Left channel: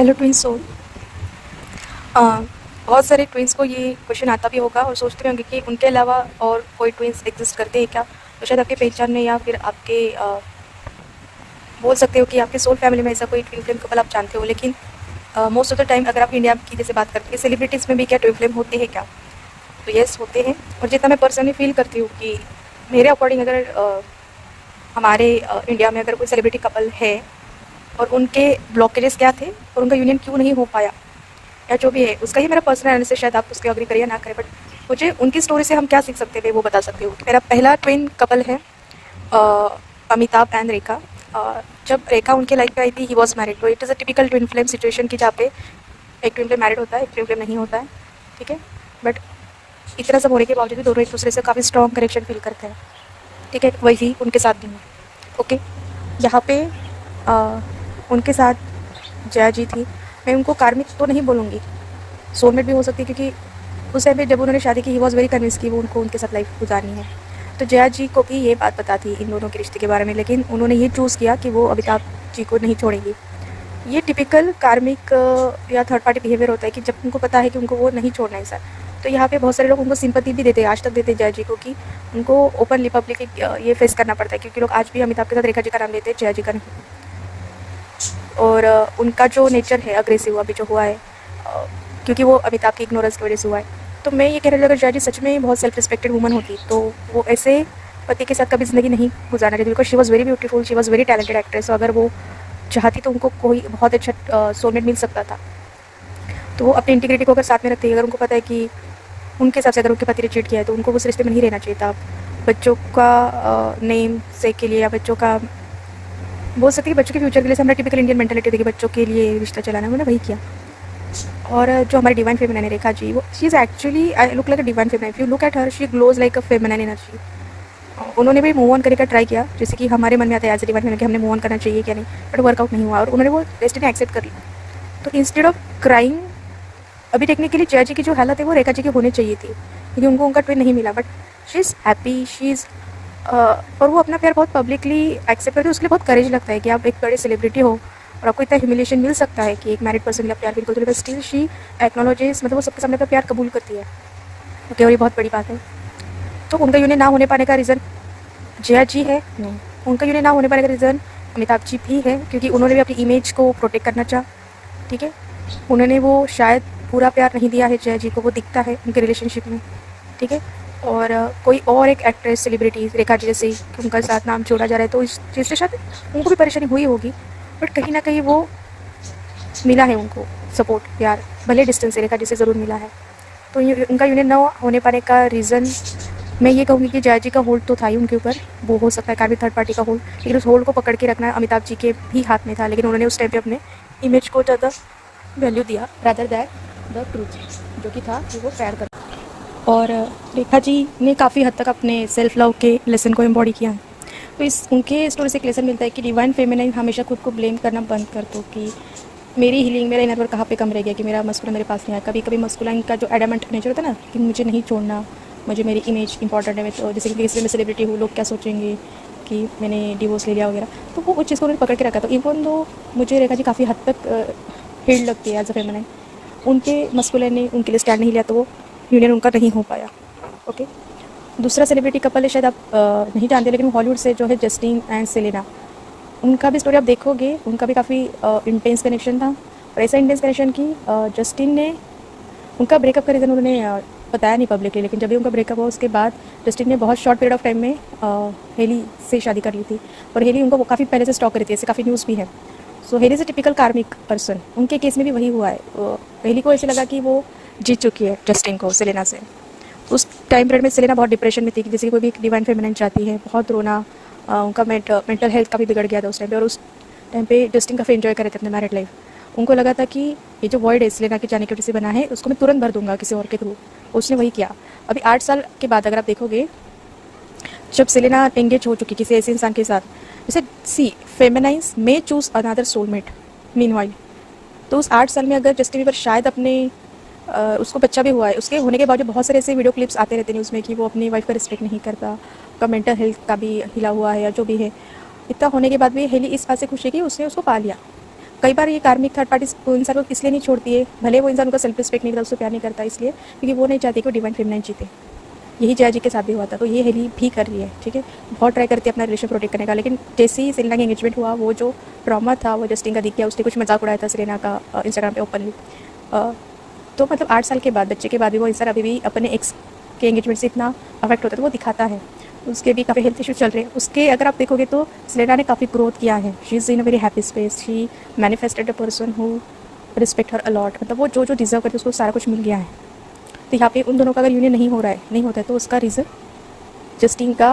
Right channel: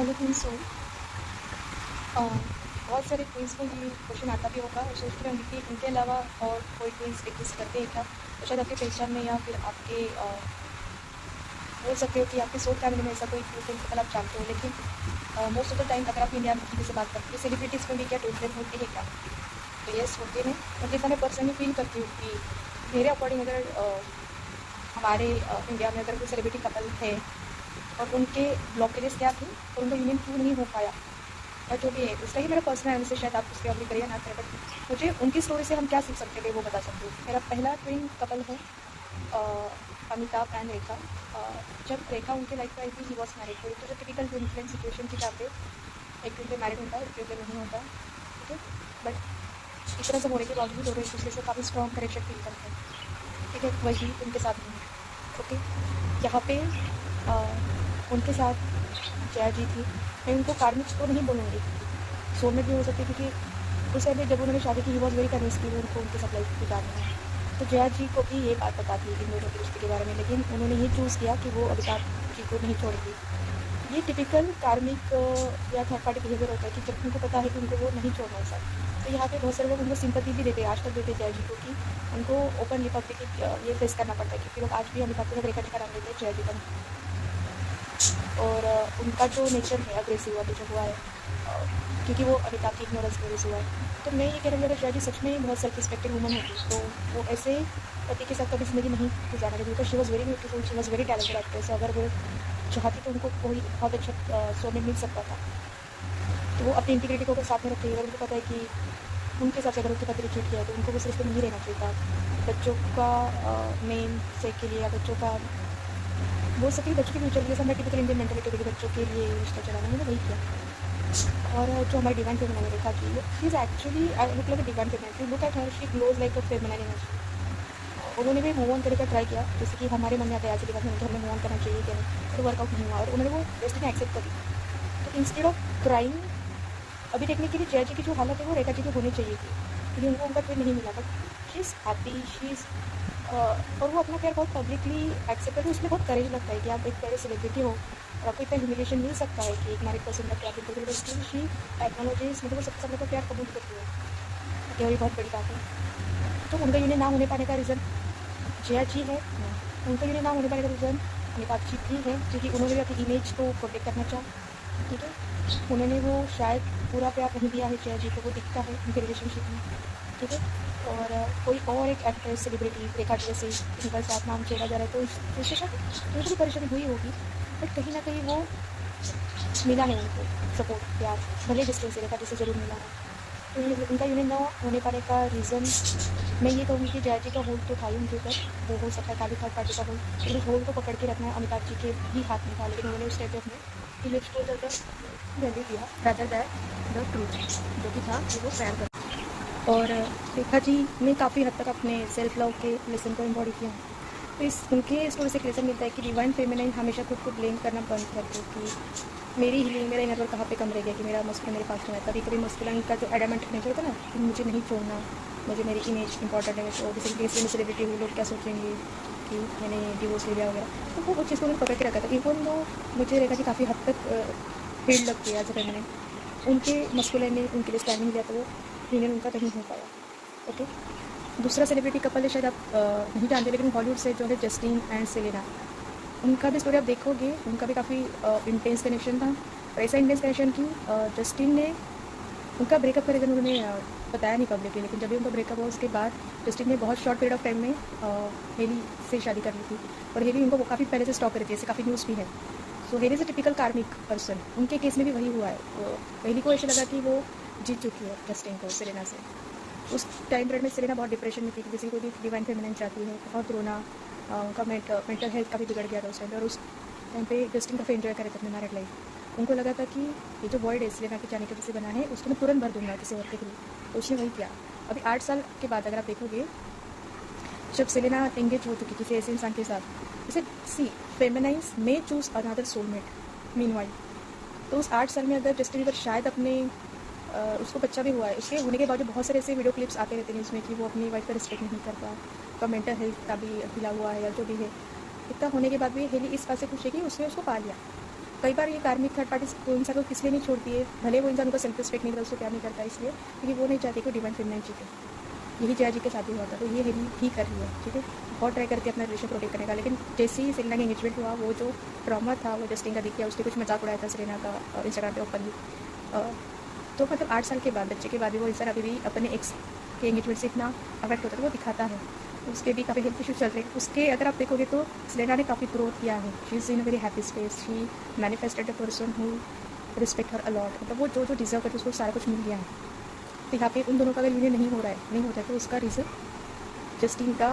Hello twins soul. बहुत सारे twins को ये क्वेश्चन आता भी होगा और सोचते भी होंगे कि उनके अलावा और कोई ट्विंस एग्जिस्ट करते हैं क्या। तो शायद आपके पहचान में या फिर आपके बोल सकते हो कि आपके सोल फैमिली में ऐसा कोई ट्विन फ्लेम कपल आप जानते हो। लेकिन मोस्ट ऑफ द टाइम अगर आप इंडिया की जैसे बात करते हैं सेलिब्रिटीज़ में भी क्या ट्विन फ्लेम होते हैं क्या, तो येस होते हैं। और जितना मैं पर्सनली फील करती हूँ कि मेरे अकॉर्डिंग अगर हमारे इंडिया में अगर कोई सेलिब्रिटी कपल है और उनके ब्लॉकेजेस क्या थे और उनका यूनियन क्यों नहीं हो पाया या जो भी है, उसका ही मेरा पर्सनल एनालिसिस, शायद आप उसके अग्री करिए ना करें, बट मुझे उनकी स्टोरी से हम क्या सीख सकते हैं वो बता सकती हूँ। मेरा पहला ट्विन कपल है अमिताभ एंड रेखा। जब रेखा उनके लाइफ में आई थी ही वॉज मैरिड, तो it is a typical twin flame situation की जहाँ पे एक ट्विन फ्लेम मैरिड होता है, एक ट्विन फ्लेम नहीं होता है, ठीक है। बट इतना सब होने के बावजूद भी दोनों एक दूसरे से काफ़ी स्ट्रॉन्ग कनेक्शन फील करते हैं, ठीक है। वही उनके साथ भी है, ओके। यहाँ पे उनके साथ जया जी थी। मैं उनको कार्मिक तो नहीं बोलूँगी, सोलमेट भी हो सकती है, क्योंकि उस टाइम पे जब उन्होंने शादी की ही वॉज वेरी कन्विंस कि वो उनको उनके साथ लाइफ गुजारनी है। तो जया जी को भी ये बात पता थी इन दोनों के रिश्ते के बारे में, लेकिन उन्होंने ये चूज़ किया कि वो अमिताभ जी को नहीं छोड़ेंगी। ये टिपिकल कार्मिक या थर्ड पार्टी बिहेवियर होता है कि जब उनको पता है कि उनको वो नहीं छोड़ना है सर। तो यहाँ पे बहुत सारे लोग उनको सिंपैथी भी देते हैं, आज तक देते हैं जया जी को, कि उनको ओपनली पब्लिक ये फेस करना पड़ता है, क्योंकि लोग आज भी अमिताभ के साथ रेखा जी का नाम लेते हैं, जया जी का नहीं। और उनका जो नेचर है अग्रेसिव अभी जो हुआ है, क्योंकि वो अमिताभ की इग्नोरेंस की वजह से हुआ है। तो मैं ये कह रही हूँ, अगर जया जी सच में बहुत सेल्फ रिस्पेक्टेड वुमन होती तो वो ऐसे पति के साथ कभी ज़िंदगी नहीं गुजारना चाहती, because she was very beautiful, she was very talented actress. अगर वो चाहती तो उनको कोई बहुत अच्छा सोलमेट मिल सकता था। तो वो अपनी इंटीग्रिटी को अगर साथ में रखती है, अगर उनको पता है कि उनके हिसाब से अगर उनके पति ने चीट किया है तो उनको उस रिश्ते में नहीं रहना चाहिए था। बच्चों का नेम से के लिए या बच्चों का बोल सकते हैं कि बच्चों के फ्यूचर के लिए, हमारा टिपिकल इंडियन मेंटालिटी देखिए, बच्चों के लिए रिश्ता चलाना, उन्होंने वही किया। और जो हमारी डिवाइन फेमिनिन है रेखा जी, वो she is actually I look like a divine feminine. If you look at her she glows like a feminine energy. उन्होंने भी मूव ऑन करने का ट्राई किया, जैसे कि हमारे मन में आता है एज ए डिवाइन फेमिनिन कि हमने मूव ऑन करना चाहिए क्या नहीं, बट वर्कआउट नहीं हुआ और उन्होंने वो डेस्टिनी एक्सेप्ट कर ली। तो इंस्टेड ऑफ क्राइंग, अभी टेक्निकली जया जी की जो हालत है वो रेखा जी की होनी चाहिए थी, क्योंकि उनको उनका ट्विन नहीं मिला, but she is happy, she is और वो अपना प्यार बहुत पब्लिकली एक्सेप्ट करती है। उसके लिए बहुत करेज लगता है कि आप एक बड़े सेलिब्रिटी हो और आपको इतना ह्यूमिलेशन मिल सकता है कि एक मैरिड पर्सन का प्यार बिल्कुल, बट स्टिल शी एक्नोलॉजेस, मतलब वो सबके सामने अपना प्यार कबूल करती है, ओके। और ये बहुत बड़ी बात है। तो उनका यूनियन ना होने पाने का रीज़न जया जी है नहीं, उनका यूनियन ना होने पाने का रीज़न अमिताभ जी भी है, क्योंकि उन्होंने भी अपनी इमेज को प्रोटेक्ट करना चाहा, ठीक है। उन्होंने वो शायद पूरा प्यार नहीं दिया है जया जी को, वो दिखता है उनके रिलेशनशिप में, ठीक है। और कोई और एक एक्ट्रेस सेलिब्रिटी रेखा जी जैसे उनका साथ नाम जोड़ा जा रहा है, तो इस चीज़ से शायद उनको भी परेशानी हुई होगी, बट कहीं ना कहीं वो मिला है उनको सपोर्ट, प्यार, भले डिस्टेंस से रेखा जी से ज़रूर मिला है। तो ये उनका यूनियन ना होने पाने का रीज़न मैं ये कहूँगी कि जया जी का होल्ड तो था ही उनके ऊपर, वो हो सकता है काफ़ी थर्ड पार्टी का होल्ड, लेकिन उस होल्ड को पकड़ के रखना अमिताभ जी के भी हाथ में था, लेकिन उन्होंने उस टाइम पे अपने इमेज को ज़्यादा वैल्यू दिया रादर दैट द ट्रूथ जो कि था कि वो प्यार करता। और रेखा जी ने काफ़ी हद तक अपने सेल्फ लव के लेसन को एम्बॉडी किया। तो इस उनके स्टोरी से एक लेसन मिलता है कि डिवाइन फेमिनिन हमेशा खुद को ब्लेम करना बंद कर दो, कि मेरी हीलिंग, मेरा इनर वर्क कहाँ पे कम रह गया कि मेरा मस्कुलाइन मेरे पास नहीं आया। कभी कभी मस्कुलाइन का जो एडामेंट नेचर होता है ना, कि मुझे नहीं छोड़ना, मुझे मेरी इमेज इंपॉर्टेंट है, तो जैसे कि इसलिए मैं सेलिब्रिटी हूँ, लोग क्या सोचेंगे कि मैंने डिवोर्स ले लिया वगैरह, तो वो उस चीज़ को उन्होंने पकड़ के रखा। तो इवन दो मुझे रेखा जी काफ़ी हद तक हील्ड लगती है एज अ फेमिनिन, उनके मस्कुलाइन ने उनके लिए स्टैंड नहीं लिया, तो वो यूनियन उनका नहीं हो पाया, ओके। दूसरा सेलिब्रिटी कपल है, शायद आप नहीं जानते, लेकिन हॉलीवुड से जो है जस्टिन एंड सेलेना, उनका भी स्टोरी आप देखोगे, उनका भी काफ़ी इंटेंस कनेक्शन था। और ऐसा इंटेंस कनेक्शन कि जस्टिन ने उनका ब्रेकअप का रीज़न उन्होंने बताया नहीं पब्लिकली, लेकिन जब भी उनका ब्रेकअप हुआ उसके बाद जस्टिन ने बहुत शॉर्ट पीरियड ऑफ टाइम में हेली से शादी कर ली थी, और हेली उनको काफ़ी पहले से स्टॉक करी थी, ऐसे काफ़ी न्यूज़ भी है। सो हेली इज़ अ टिपिकल कार्मिक पर्सन, उनके केस में भी वही हुआ है। हेली को ऐसे लगा कि वो जीत चुकी है जस्टिन को सेलेना से। उस टाइम पीरियड में सेलेना बहुत डिप्रेशन में थी, कि जैसे कि कोई भी डिवाइन फेमिनिन चाहती है, बहुत रोना, उनका मेंटल हेल्थ काफ़ी बिगड़ गया था उस टाइम पे। और उस टाइम पे जस्टिन काफ़ी एंजॉय कर रहे थे अपने मैरिड लाइफ। उनको लगा था कि ये जो वॉइड है सेलेना के जाने की वजह से बना है, उसको मैं तुरंत भर दूंगा किसी और के थ्रू। उसने वही किया। अभी 8 साल के बाद अगर आप देखोगे, जब सेलेना एंगेज हो चुकी किसी ऐसे इंसान के साथ, जैसे she feminise may choose another soulmate meanwhile, तो उस 8 साल में अगर जस्टिन बीबर शायद अपने उसको बच्चा भी हुआ है, उसके होने के बावजूद बहुत सारे ऐसे वीडियो क्लिप्स आते रहते हैं न्यूज़ में कि वो अपनी वाइफ का रिस्पेक्ट नहीं करता, उसका मेंटल हेल्थ का भी हिला हुआ है या जो भी है। इतना होने के बाद भी हेली इस बात से खुश है कि उसने उसको पा लिया। कई बार ये कार्मिक थर्ड पार्टी को इंसान को इसलिए नहीं छोड़ती है, भले वो इंसान उनका सेल्फ रिस्पेक्ट नहीं करता, उसको प्यार नहीं करता, इसलिए क्योंकि वो नहीं चाहती कि वो डिवाइन फेमिनाइन जीते। यही जया जी के साथ भी हुआ था, तो ये हेली भी कर रही है, ठीक है। बहुत ट्राई करती है अपना रिलेशन प्रोटेक्ट करने का, लेकिन जैसे ही सेलेना का एंगेजमेंट हुआ, वो जो ट्रॉमा था वो जस्टिन का दिख गया। उसने कुछ मजाक उड़ाया था सेलेना का इंस्टाग्राम पे ओपनली। तो मतलब 8 साल के बाद, बच्चे के बाद भी वो इंसान अभी भी अपने एक्स के एंगेजमेंट से इतना अफेक्ट होता है, तो वो दिखाता है। उसके भी काफ़ी हेल्थ इश्यूज चल रहे हैं उसके। अगर आप देखोगे तो सेलेना ने काफ़ी ग्रोथ किया है। She is in a very happy space. She manifested a person who respect her a lot. मतलब वो जो जो डिजर्व करती है उसको सारा कुछ मिल गया है। तो यहाँ पे उन दोनों का अगर यूनियन नहीं होता है तो उसका रीज़न जस्टिन का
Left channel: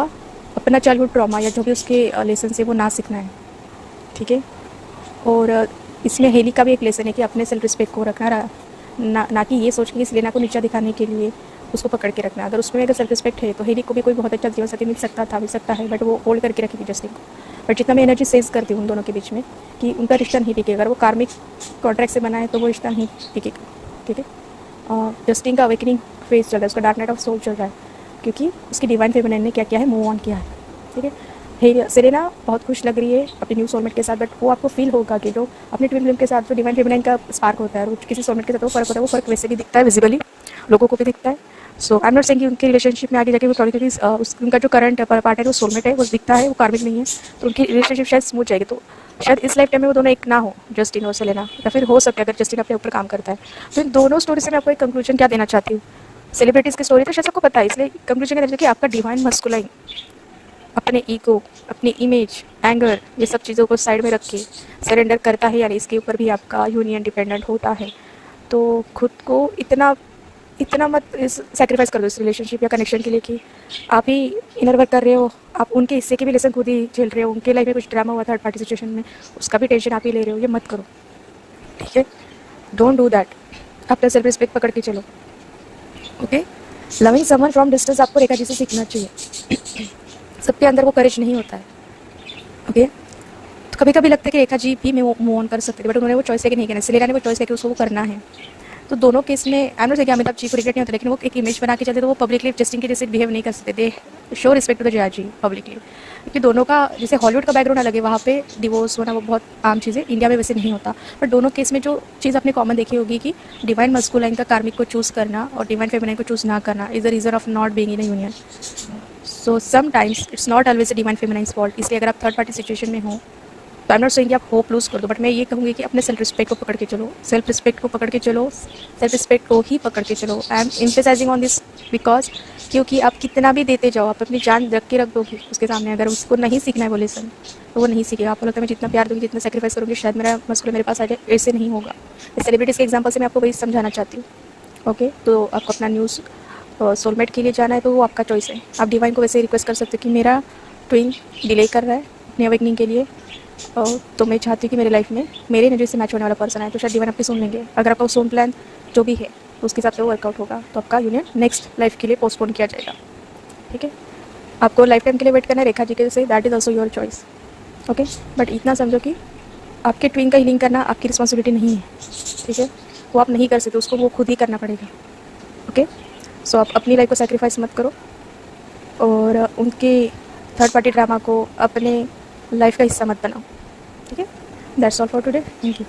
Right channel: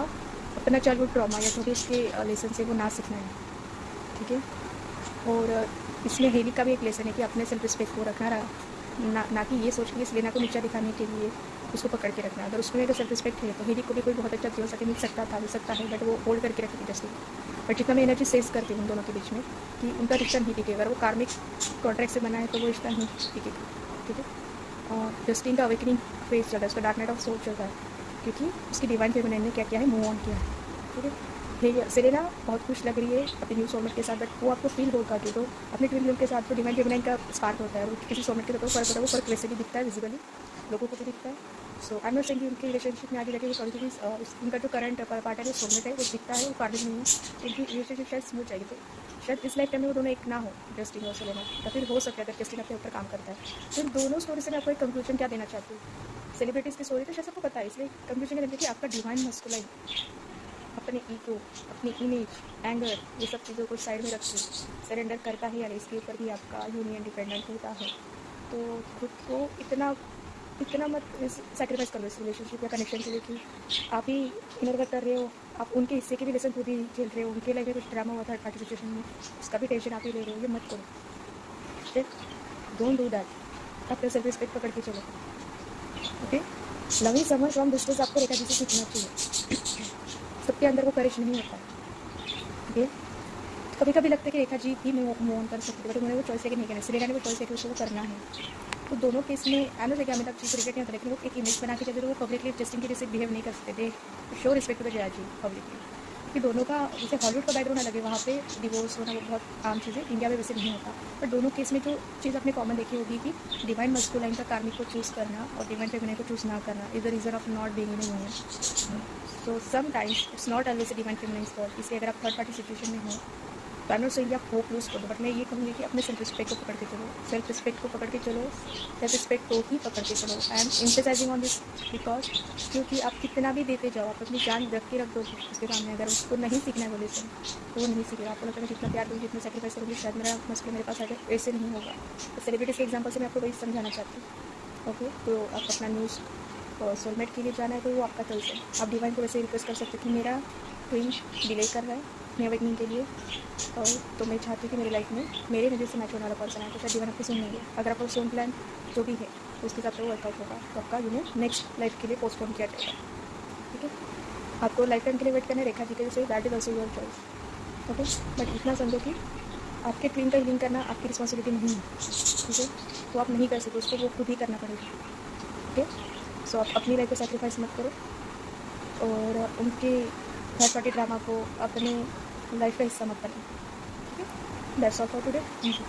अपना चाइल्डहुड ट्रॉमा या जो भी उसके लेसन है वो ना सीखना है, ठीक है। और इसमें हेली का भी एक लेसन है कि अपने सेल्फ रिस्पेक्ट को रखना, ना कि ये सोच के सेलेना को नीचा दिखाने के लिए उसको पकड़ के रखना। अगर उसमें अगर सेल्फ रिस्पेक्ट है तो हेली को भी कोई बहुत अच्छा जीवन साथी मिल सकता है, बट वो होल्ड करके रखेगी जस्टिन को। बट जितना मैं एनर्जी सेंस करती हूँ उन दोनों के बीच में कि उनका रिश्ता नहीं टिकेगा। अगर वो कार्मिक कॉन्ट्रैक्ट से बना है तो वो रिश्ता नहीं टिकेगा, ठीक है। जस्टिन का अवेकनिंग फेज चल रहा है, उसका डार्क नाइट ऑफ सोल चल रहा है, क्योंकि उसकी डिवाइन फेमिनाइन ने क्या किया है, मूव ऑन किया है, ठीक है। सेलेना बहुत खुश लग रही है अपने न्यू सोलमेट के साथ, बट वो आपको फील होगा कि जो अपने ट्विन फ्लेम के साथ जो डिवाइन फेमिनाइन का स्पार्क होता है, वो किसी सोलमेट के साथ वो फ़र्क होता है, वो फ़र्क वैसे भी दिखता है विजिबली, लोगों को भी दिखता है। सो आई एम नॉट सेइंग कि उनके रिलेशनशिप में आगे जाके वो थोड़ी उनका जो करंट पार्टनर है वो सोलमेट है, वो दिखता है, वो कार्मिक नहीं है, तो उनकी रिलेशनशिप शायद स्मूथ जाएगी। तो शायद इस लाइफ टाइम में वो दोनों एक ना हो, जस्टिन और सेलेना, या फिर हो सकता है अगर जस्टिन अपने ऊपर काम करता है। तो इन दोनों स्टोरी से मैं आपको एक कंक्लूजन क्या देना चाहती हूँ। सेलिब्रिटीज़ की स्टोरी तो शायद सबको पता है, इसलिए कंक्लूजन क्या देना कि आपका डिवाइन मस्कुलाइन अपने ईगो, अपनी इमेज, एंगर, ये सब चीज़ों को साइड में रख के सरेंडर करता है, यानी इसके ऊपर भी आपका यूनियन डिपेंडेंट होता है। तो खुद को इतना मत सैक्रिफाइस कर दो इस रिलेशनशिप या कनेक्शन के लिए कि आप ही इनर वर्क कर रहे हो, आप उनके हिस्से के भी लेसन खुद ही झेल रहे हो। उनके लाइफ में कुछ ड्रामा हुआ थर्ड पार्टी सिचुएशन में, उसका भी टेंशन आप ही ले रहे हो, ये मत करो, ठीक है। Don't do that. अपना सेल्फ रिस्पेक्ट पकड़ के चलो, okay. Loving someone from distance आपको रेखा जी से सीखना चाहिए। सबके अंदर वो करेज नहीं होता है, ओके। तो कभी कभी लगता है कि रेखा जी भी मूव ऑन कर सकते थे, बट उन्होंने वो चॉइस लेके नहीं करना। सेलेना ने वो चॉइस लेके उसको वो करना है। तो दोनों केस में I am not saying Amitabh ji को रिग्रेट नहीं होता, लेकिन वो एक इमेज बना के चलते तो वो पब्लिकली जस्टिन के जैसे बिहेव नहीं कर सकते थे। Show respect to the Jaya ji publicly, क्योंकि दोनों का जैसे हॉलीवुड का बैकग्राउंड अलग है, वहाँ पे डिवोर्स होना वो बहुत आम चीज़ है, इंडिया में वैसे नहीं होता। बट दोनों केस में जो चीज़ आपने कॉमन देखी होगी कि डिवाइन मस्कुलाइन का कार्मिक को चूज़ करना और डिवाइन फेमिनाइन को चूज़ ना करना is the reason of not being in a union. So sometimes it's not always a divine feminine's fault. इसलिए अगर आप थर्ड पार्टी सिचुएशन में हो तो आई एम नॉट सेइंग कि आप होप लूज़ कर दो, बट मैं ये कहूँगी कि अपने सेल्फ रिस्पेक्ट को पकड़ के चलो, सेल्फ रिस्पेक्ट को पकड़ के चलो, सेल्फ रिस्पेक्ट को ही पकड़ के चलो। I am emphasizing on this because क्योंकि आप कितना भी देते जाओ, आप अपनी जान रख के रख दोगे उसके सामने, अगर उसको नहीं सीखना है वो लेसन तो वो नहीं सीखेगा। आपको लगता है मैं जितना प्यार दूँगी, जितना सेक्रीफाइस करूँगी, शायद मेरा मस्कुलर मेरे पास आ जाए, ऐसे नहीं होगा। सेलिब्रिटीज़ के एग्जाम्पल से मैं आपको वही समझाना चाहती हूँ, ओके। तो आपको अपना न्यूज़ सोलमेट के लिए जाना है तो वो आपका चॉइस है। आप डिवाइन को वैसे रिक्वेस्ट कर सकते हो कि मेरा ट्विन डिले कर रहा है अपनी अवेकनिंग के लिए, तो मैं चाहती हूँ कि मेरी लाइफ में मेरे एनर्जी से मैच होने वाला पर्सन है, तो शायद डिवाइन आपकी सुन लेंगे। अगर आपका सोन प्लान जो भी है तो उसके हिसाब से वो वर्कआउट होगा, तो आपका यूनियन नेक्स्ट लाइफ के लिए पोस्टपोन किया जाएगा, ठीक है। आपको लाइफ टाइम के लिए वेट करना है रेखा जी के से, that is also your choice, okay. But इतना समझो कि आपके ट्विन का हीलिंग करना आपकी रिस्पॉन्सिबिलिटी नहीं है, ठीक है। वो आप नहीं कर सकते, उसको वो खुद ही करना पड़ेगा, ओके। सो आप अपनी लाइफ को सेक्रीफाइस मत करो और उनके थर्ड पार्टी ड्रामा को अपने लाइफ का हिस्सा मत बनाओ, ठीक है। That's all for today, thank you.